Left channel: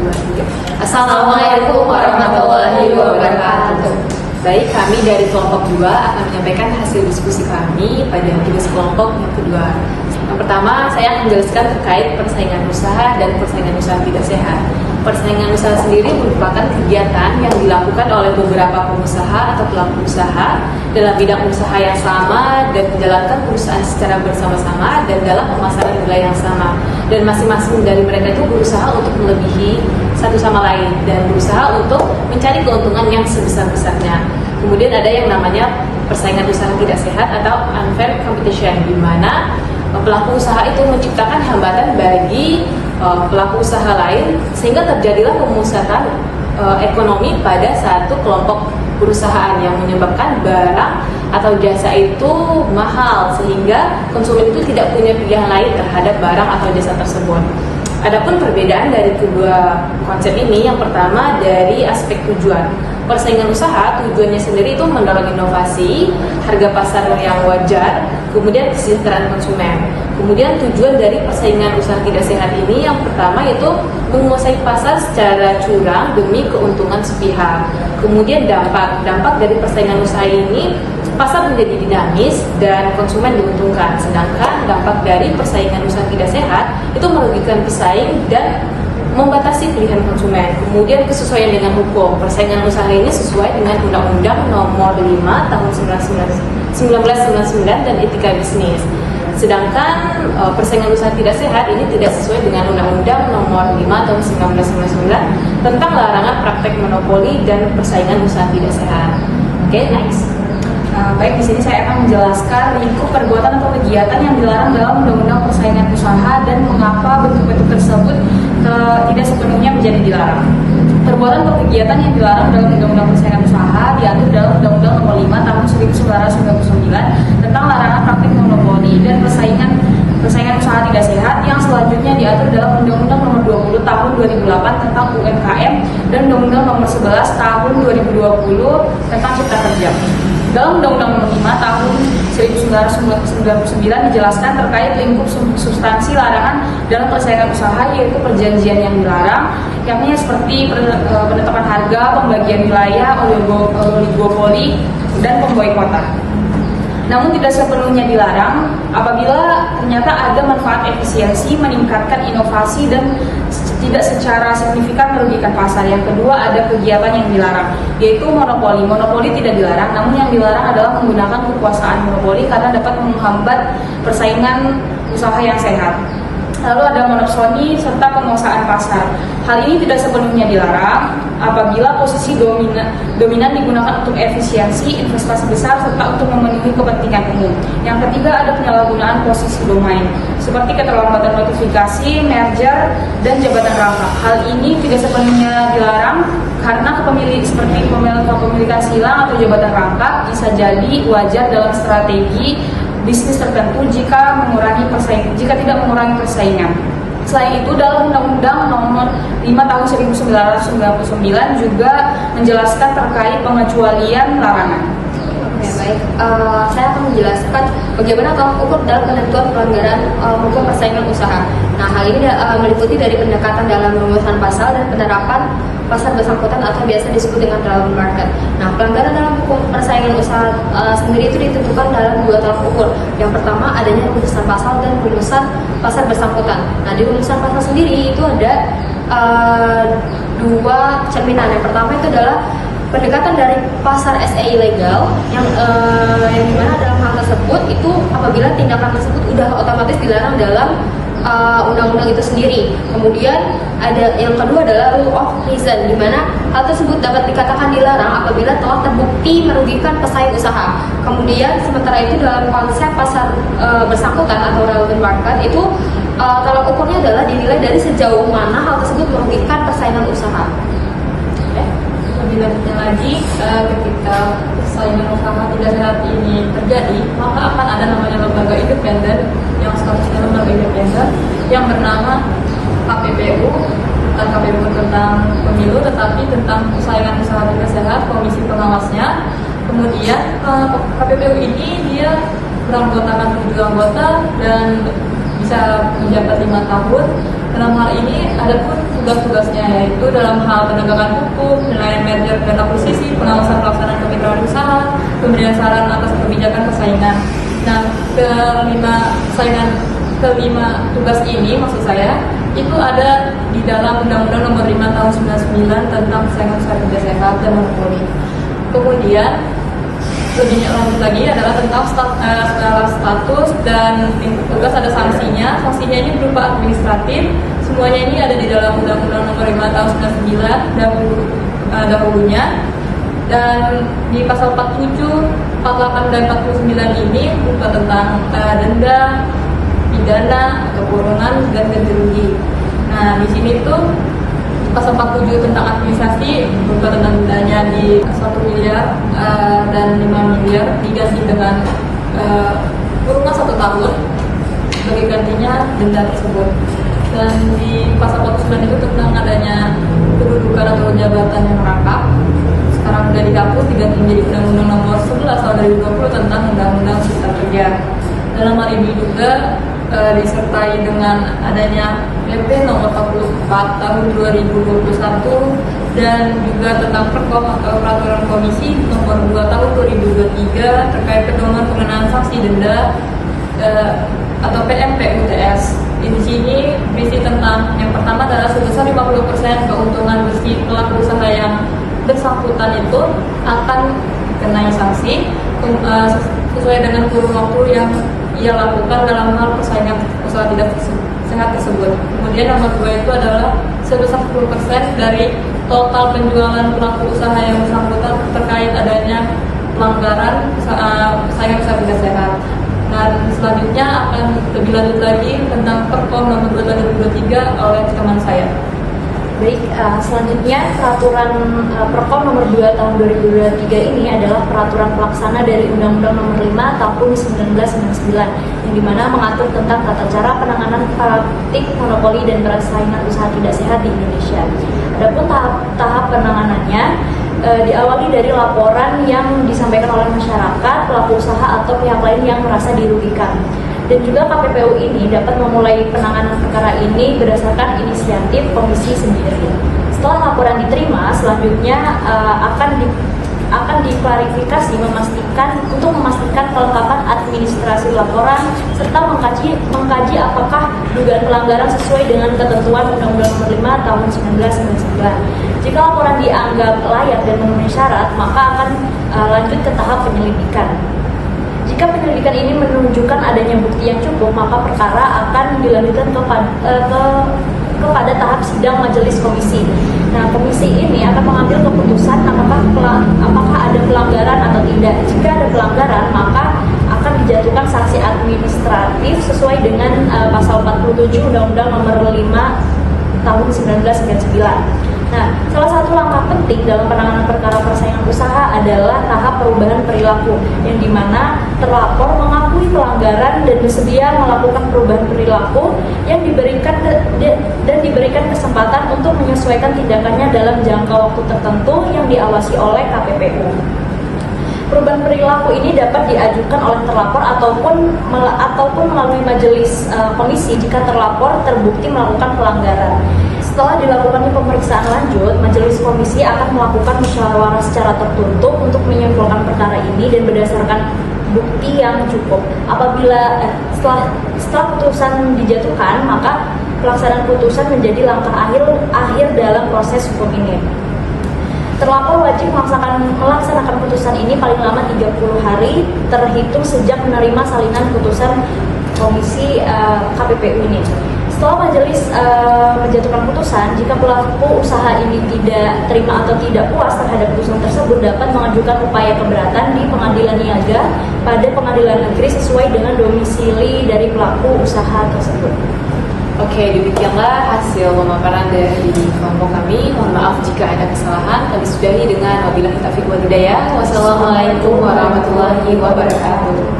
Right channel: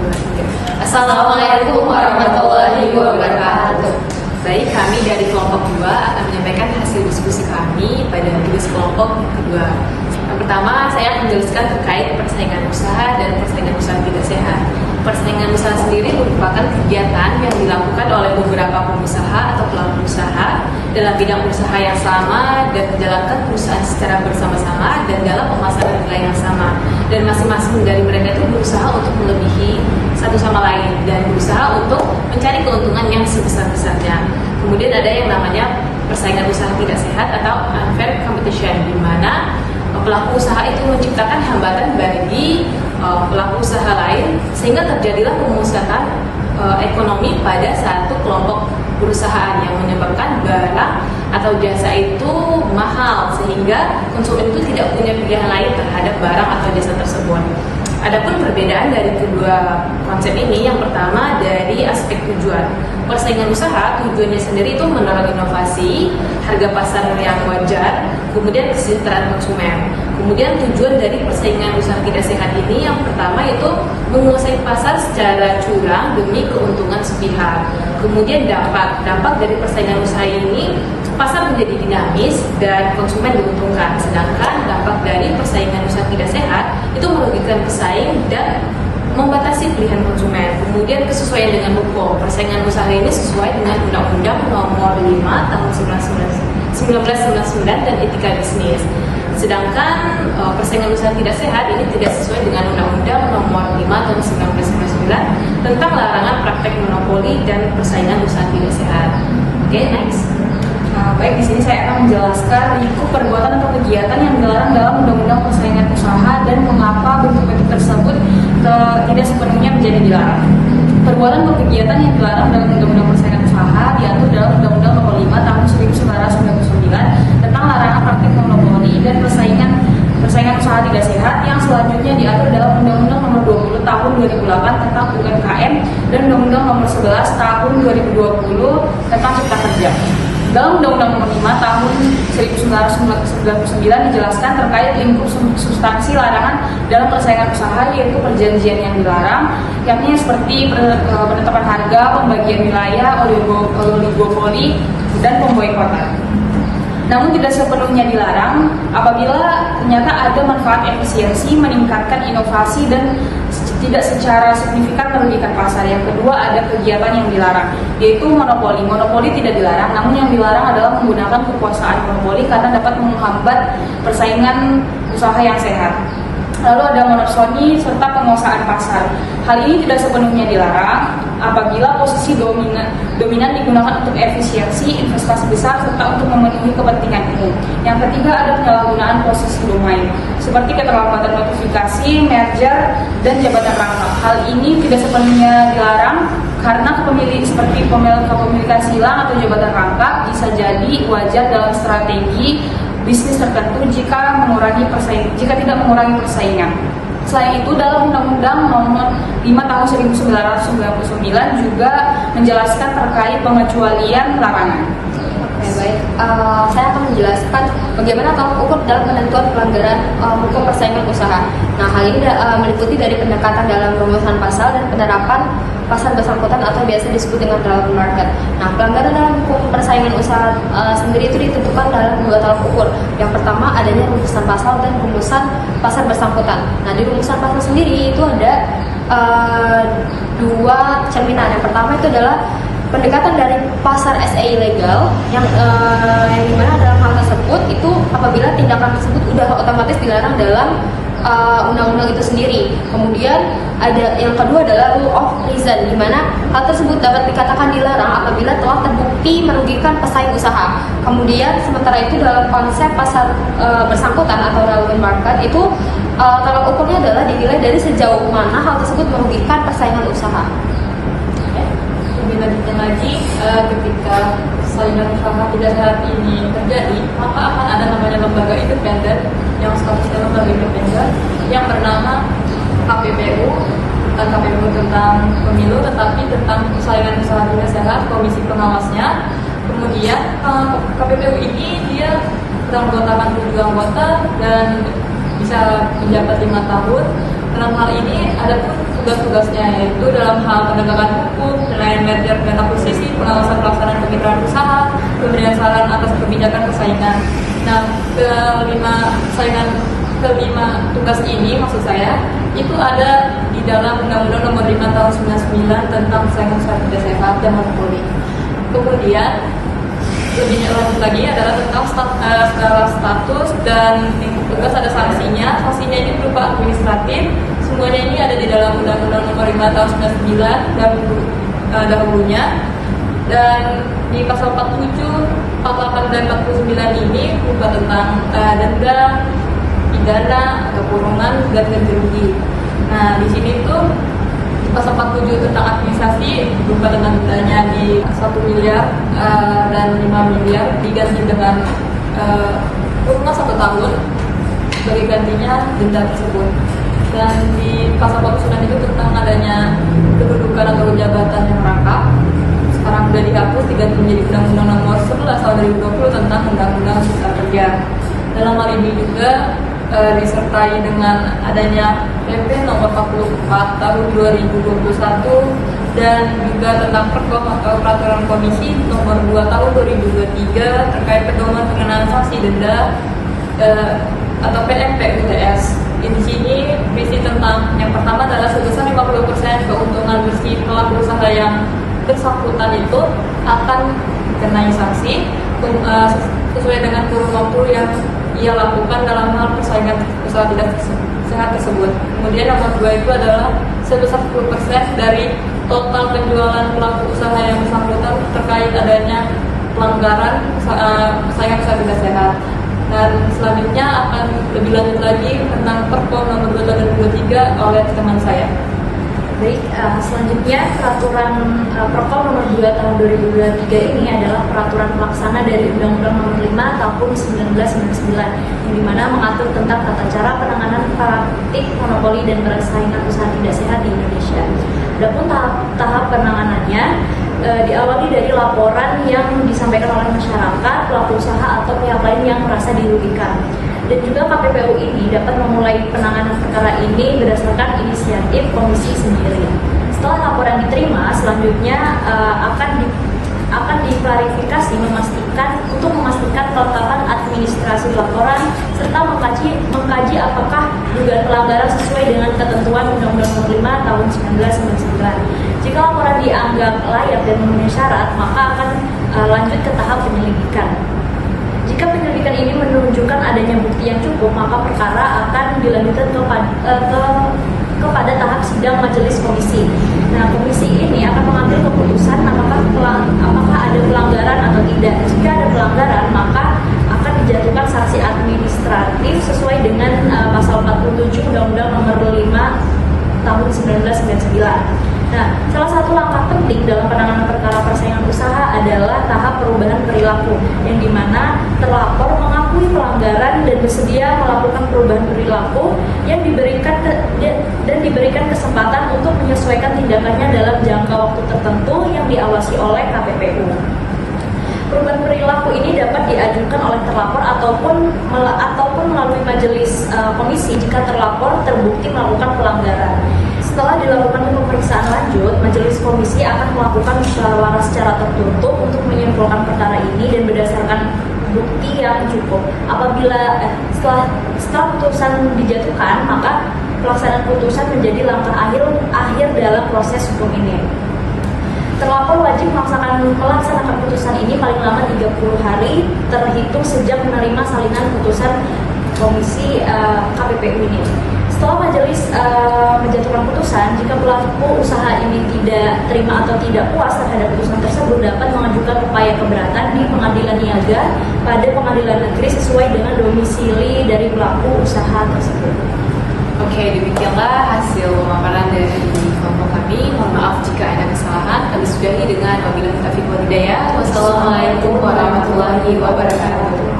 2, 3. Assalamualaikum warahmatullahi wabarakatuh. Baik, kami dari kelompok 2 akan menyampaikan hasil diskusi kami pada tugas kelompok yang kedua. Yang pertama, saya akan menjelaskan terkait persaingan usaha dan persaingan usaha tidak sehat. Persaingan usaha sendiri merupakan kegiatan yang dilakukan oleh beberapa pengusaha atau pelaku usaha dalam bidang usaha yang sama dan menjalankan perusahaan secara bersama-sama dan dalam pemasaran nilai yang sama. Dan masing-masing dari mereka itu berusaha untuk melebihi satu sama lain dan berusaha untuk mencari keuntungan yang sebesar-besarnya. Kemudian ada yang namanya persaingan usaha tidak sehat atau unfair competition, di mana pelaku usaha itu menciptakan hambatan bagi pelaku usaha lain sehingga terjadilah pemusatan ekonomi pada satu kelompok perusahaan yang menyebabkan barang atau jasa itu mahal sehingga konsumen itu tidak punya pilihan lain terhadap barang atau jasa tersebut. Adapun perbedaan dari kedua konsep ini, yang pertama dari aspek tujuan. Persaingan usaha tujuannya sendiri itu mendorong inovasi, harga pasar yang wajar, kemudian kesejahteraan konsumen. Kemudian tujuan dari persaingan usaha tidak sehat ini yang pertama itu menguasai pasar secara curang demi keuntungan sepihak. Kemudian dampak dari persaingan usaha ini, pasar menjadi dinamis dan konsumen diuntungkan. Sedangkan dampak dari persaingan usaha tidak sehat itu merugikan pesaing dan membatasi pilihan konsumen. Kemudian kesesuaian dengan hukum. Persaingan usaha ini sesuai dengan Undang-Undang Nomor 5 Tahun 1999 dan Etika Bisnis. Sedangkan persaingan usaha tidak sehat ini tidak sesuai dengan Undang-Undang Nomor 5 Tahun 1999 tentang larangan praktek monopoli dan persaingan usaha tidak sehat. Oke, next. Baik, di sini saya akan menjelaskan lingkup perbuatan atau kegiatan yang dilarang dalam Undang-Undang Persaingan Usaha dan mengapa bentuk-bentuk tersebut tidak sepenuhnya menjadi dilarang. Perbuatan atau kegiatan yang dilarang dalam Undang-Undang Persaingan Usaha diatur dalam Undang-Undang Nomor 5 Tahun 1999 tentang larangan praktik monopoli dan persaingan usaha tidak sehat, yang selanjutnya diatur dalam Undang-Undang Nomor 20 Tahun 2008 tentang UMKM dan Undang-Undang Nomor 11 Tahun 2020 tentang Cipta Kerja. Dalam Undang-Undang Nomor 5 Tahun 1999 dijelaskan terkait lingkup substansi larangan dalam persaingan usaha, yaitu perjanjian yang dilarang, yakni seperti penetapan harga, pembagian wilayah, oligopoli, dan pemboikotan. Namun tidak sepenuhnya dilarang apabila ternyata ada manfaat efisiensi, meningkatkan inovasi, dan tidak secara signifikan merugikan pasar. Yang kedua, ada kegiatan yang dilarang, yaitu monopoli. Monopoli tidak dilarang, namun yang dilarang adalah menggunakan kekuasaan monopoli karena dapat menghambat persaingan usaha yang sehat. Lalu ada monopsoni serta penguasaan pasar. Hal ini tidak sepenuhnya dilarang apabila posisi dominan digunakan untuk efisiensi, investasi besar, serta untuk memenuhi kepentingan umum. Yang ketiga, ada penyalahgunaan posisi domain, seperti keterlambatan notifikasi, merger, dan jabatan rangkap. Hal ini tidak sepenuhnya dilarang karena kepemilikan silang atau jabatan rangkap bisa jadi wajar dalam strategi bisnis tertentu jika tidak mengurangi persaingan. Selain itu, dalam Undang-Undang Nomor 5 Tahun 1999 juga menjelaskan terkait pengecualian larangan. Saya akan menjelaskan bagaimana tolak ukur dalam penentuan pelanggaran hukum persaingan usaha. Nah, hal ini meliputi dari pendekatan dalam rumusan pasal dan penerapan pasar bersangkutan atau biasa disebut dengan relevant market. Nah, pelanggaran dalam hukum persaingan usaha sendiri itu ditentukan dalam dua tolak ukur. Yang pertama, adanya rumusan pasal dan rumusan pasar bersangkutan. Nah, di rumusan pasal sendiri itu ada dua cerminan. Yang pertama itu adalah pendekatan dari pasar SA ilegal yang dimana dalam hal tersebut itu apabila tindakan tersebut sudah otomatis dilarang dalam undang-undang itu sendiri. Kemudian ada yang kedua adalah rule of reason, di mana hal tersebut dapat dikatakan dilarang apabila telah terbukti merugikan pesaing usaha. Kemudian sementara itu dalam konsep pasar bersangkutan atau relevant market itu tolak ukurnya adalah dinilai dari sejauh mana hal tersebut merugikan persaingan usaha. Lebih lanjutnya lagi, ketika persaingan usaha tidak sehat ini terjadi, maka akan ada namanya lembaga independen yang statusnya lembaga independen yang bernama KPPU, bukan KPPU tentang pemilu, tetapi tentang persaingan usaha tidak sehat, komisi pengawasnya. Kemudian KPPU ini dia beranggotakan 7 anggota dan bisa menjabat 5 tahun. Dalam hal ini ada pun tugas-tugasnya, yaitu dalam hal penegakan hukum, penilaian merger dan akuisisi, pengawasan pelaksanaan kemitraan usaha, pemberian saran atas kebijakan persaingan. Nah, kelima tugas ini maksud saya itu ada di dalam Undang-Undang Nomor 5 Tahun 99 tentang persaingan usaha tidak sehat dan monopoli. Kemudian lebih lanjut lagi adalah tentang skala status dan tugas, ada sanksinya. Sanksinya ini berupa administratif. Semuanya ini ada di dalam Undang-Undang Nomor 5 Tahun 99 dahulunya. Dan di pasal 47, 48 dan 49 ini berupa tentang denda, pidana atau kurungan dan ganti rugi. Nah, di sini tuh pasal 47 tentang administrasi berupa tentang dendanya di 1 miliar dan 5 miliar diganti dengan kurungan 1 tahun sebagai gantinya denda tersebut. Dan di pasal 49 itu tentang adanya kedudukan atau jabatan yang merangkap, sekarang sudah dihapus diganti menjadi Undang-Undang Nomor 11 Tahun 2020 tentang Undang-Undang Cipta Kerja. Dalam hal ini juga disertai dengan adanya PP Nomor 44 Tahun 2021 dan juga tentang Perkom atau Peraturan Komisi Nomor 2 Tahun 2023 terkait pedoman pengenaan sanksi denda atau PMP UTS. Di sini berisi tentang yang pertama adalah sebesar 50% keuntungan bersih pelaku usaha yang bersangkutan itu akan dikenai sanksi sesuai dengan kurun waktu yang ia lakukan dalam hal persaingan usaha tidak sehat tersebut. Kemudian nomor 2 itu adalah sebesar 10% dari total penjualan pelaku usaha yang bersangkutan terkait adanya pelanggaran persaingan usaha tidak sehat. Dan selanjutnya akan lebih lanjut lagi tentang Perkom Nomor 2 Tahun 2023 oleh teman saya. Baik, selanjutnya peraturan Perkom Nomor 2 Tahun 2023 ini adalah peraturan pelaksana dari Undang-Undang Nomor 5 Tahun 1999 di mana mengatur tentang tata cara penanganan praktik monopoli dan persaingan usaha tidak sehat di Indonesia. Adapun tahap penanganannya diawali dari laporan yang disampaikan oleh masyarakat, pelaku usaha atau pihak lain yang merasa dirugikan. Dan juga KPPU ini dapat memulai penanganan perkara ini berdasarkan inisiatif komisi sendiri. Setelah laporan diterima, selanjutnya akan diklarifikasi untuk memastikan kelengkapan administrasi laporan serta mengkaji apakah dugaan pelanggaran sesuai dengan ketentuan Undang-Undang Nomor 5 Tahun 1999. Jika laporan dianggap layak dan memenuhi syarat, maka akan lanjut ke tahap penyelidikan. Jika penyelidikan ini menunjukkan adanya bukti yang cukup, maka perkara akan dilanjutkan kepada tahap sidang majelis komisi. Nah, komisi ini akan mengambil keputusan apakah ada pelanggaran atau tidak. Jika ada pelanggaran, maka akan dijatuhkan sanksi administratif sesuai dengan pasal 47 Undang-Undang Nomor 5 Tahun 1999. Nah, salah satu langkah penting dalam penanganan perkara persaingan usaha adalah tahap perubahan perilaku, yang dimana terlapor mengakui pelanggaran dan bersedia melakukan perubahan perilaku yang diberikan kesempatan untuk menyesuaikan tindakannya dalam jangka waktu tertentu yang diawasi oleh KPPU. Perubahan perilaku ini dapat diajukan oleh terlapor ataupun melalui majelis komisi jika terlapor terbukti melakukan pelanggaran. Setelah dilakukan pemeriksaan lanjut, majelis komisi akan melakukan musyawarah secara tertutup untuk menyimpulkan perkara ini dan berdasarkan bukti yang cukup. Apabila setelah putusan dijatuhkan, maka pelaksanaan putusan menjadi langkah akhir dalam proses hukum ini. Terlapor wajib melaksanakan putusan ini paling lama 30 hari terhitung sejak menerima salinan putusan komisi KPPU ini. Setelah majelis menjatuhkan putusan, jika pelaku usaha ini tidak terima atau tidak puas terhadap putusan tersebut, dapat mengajukan upaya keberatan di pengadilan niaga pada pengadilan negeri sesuai dengan domisili dari pelaku usaha tersebut. Oke, demikianlah hasil pemaparan dari kelompok kami. Mohon maaf jika ada kesalahan. Kami sudahi dengan wabillahi taufiq wal hidayah. Wassalamualaikum warahmatullahi wabarakatuh.